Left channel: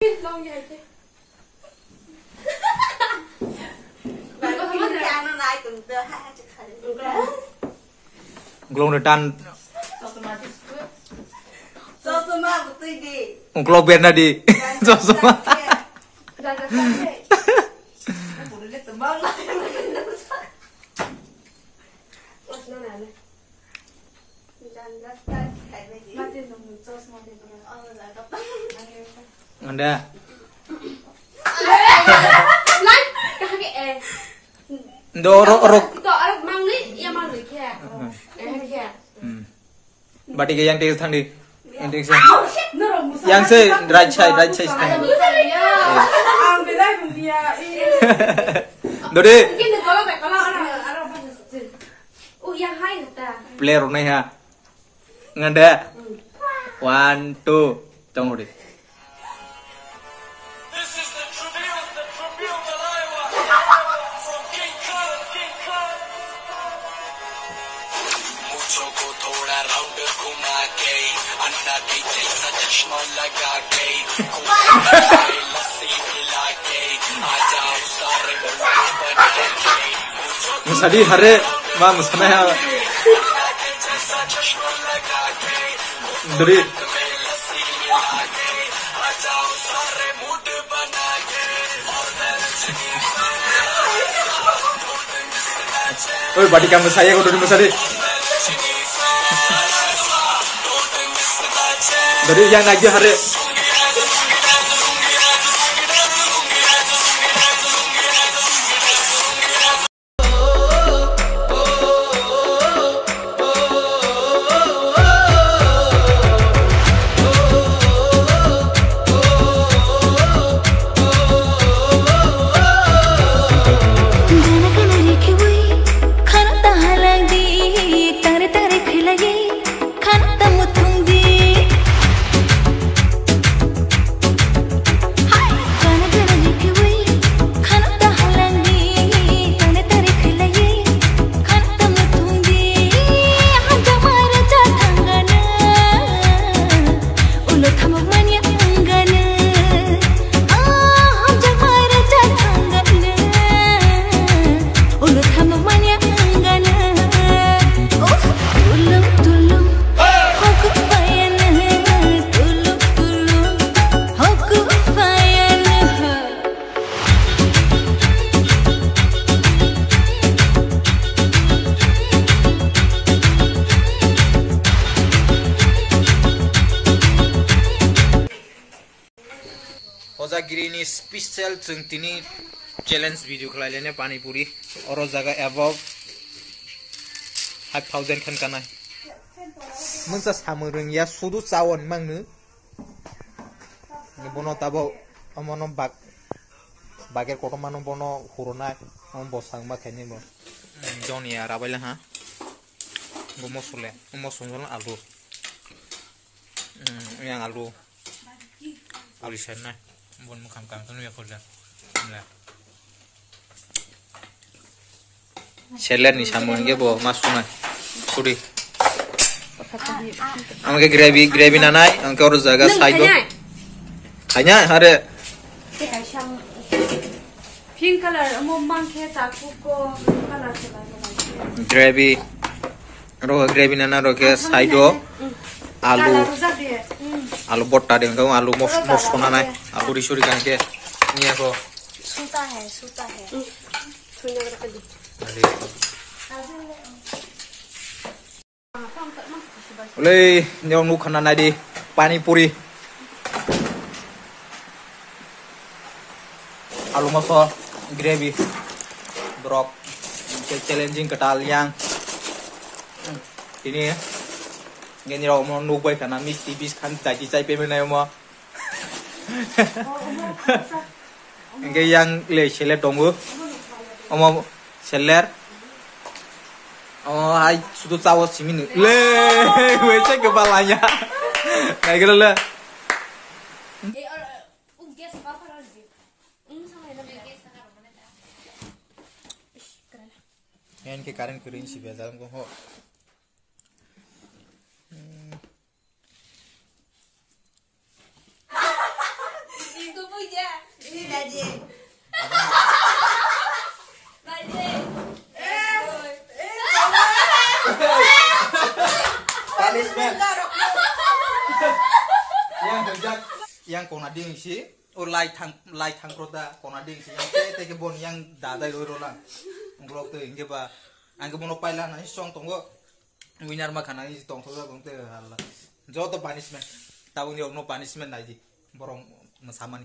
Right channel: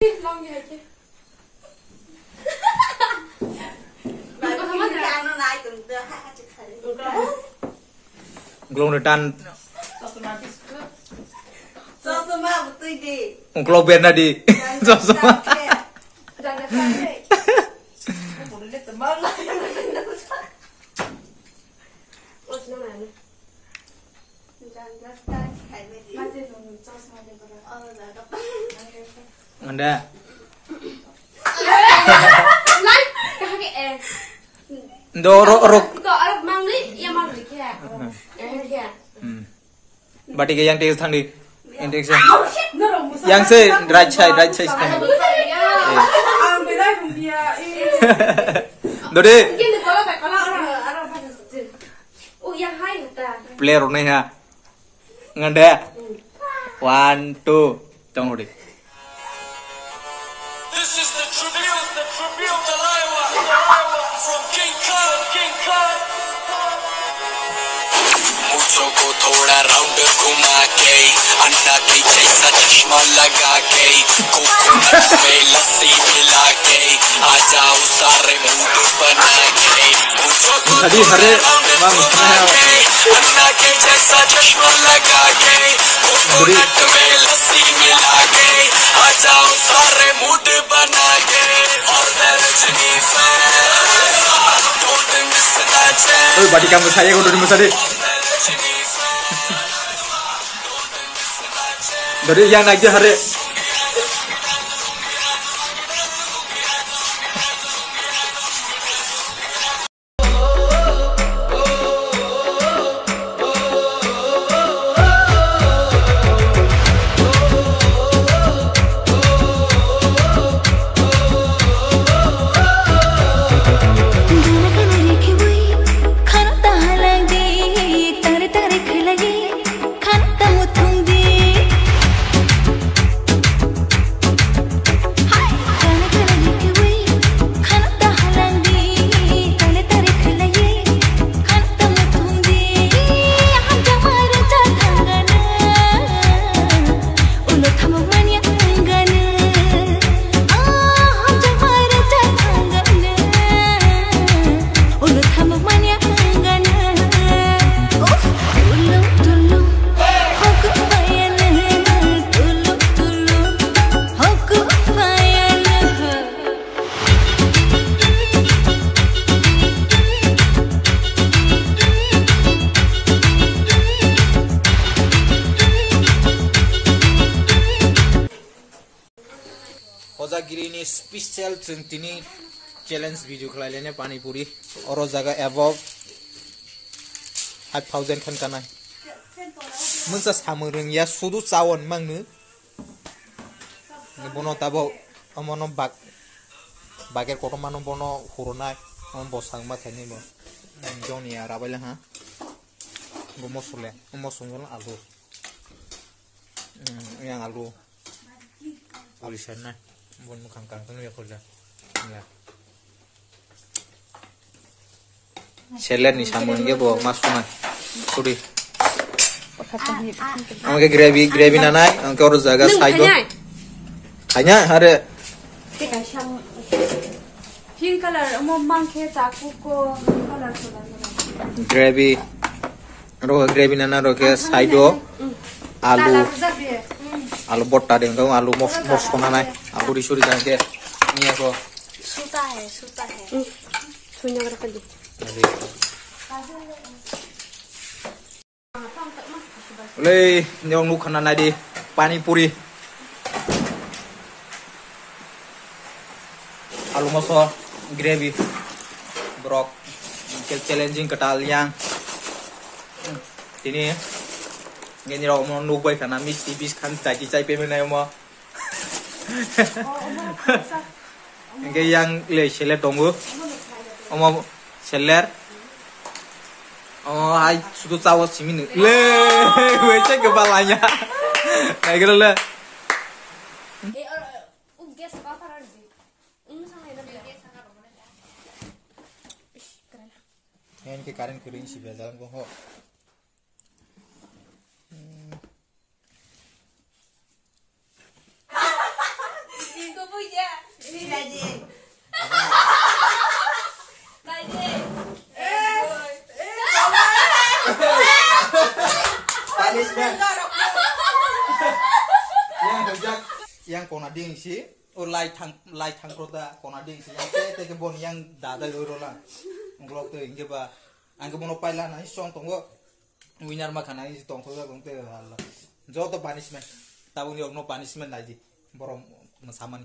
Long như vậy chứ. Glong retan. Sosoma betul di. Ungklo ben tadi. Sosoma. Jangan sampai. Boleh dia tembal lah. What's no matter. Jangan start kayak ni. Mati dong, sosoma dia berapa? Oh, dah. Anda. Like, kakek Ndoro rok. Kok Arab mang ni, yang mang ni kia. Kia. Bati ke yang tes thang di. Index. Nurung musa. Yang se right side thang. Ang belai kung dia. Dode. Gini kalau baik kalau orang pada sih. Oh, yang hai nata. Player nih ha. Nganda. 1 2 tunggu deh. This is the tribute Aliwa from King Khan. मुझको को थोड़ा राउंड घुमा के अन्ना के जैसा चश्मा लगा के कोकोनट में लस्सी मिला के आ जाओ सारे मूड बना के Tadi hari mah mustahil ya. अन्ना के जैसा चश्मा लगा के Dari कोकोनट में लस्सी मिला के आ जाओ सारे मूड बना के और Rajni don't miss that chance. oh bati kamu saya udah di tadi. Dari yang lagi hari Hojagiri ini spesial ini challenge video kaliannya pani puri oro jaga above 5000 kan kana munsa samurung ya sudu cawon mangnu bono tabo amono bager koto mano bono huruna on bosang ma thani bo joni ya rabaila ha bo mosule alu yang alu sana bon mu kam kan ya fulla seller ni samun ge bo masuma kudi amake gravy nanai amake or jaga saigo khanya hare Pink color, mo mangke taku ko color gravy nana ro ke saido आलू बोट्टा देंगे आलू मस्को ना आलू रिशोरी करके निया को सूता है सुनने वाला कर दे ले न्यों नु खाना ना di पानी पूरी आलू मसो gravy brok challenging ketal yang ini Gini raw mo nubay kana mis tibis kan taji cai pe na mo. Nge yang le seller dongo. Omo seller. Oh ai sudah tahu sini. Le, wece kepalanya. Kayak gitu le. Yan ke karen kering si biasa ko ho. punishment. Yang hejak yang kona ding si light hang proda kona ding si yang te ke bon yang dada rola nglok te inge ba angge bono paila na song tongo winner ma khana is tong thoga bongte Allah jo to punishment tabung yo no punishment naji borong samani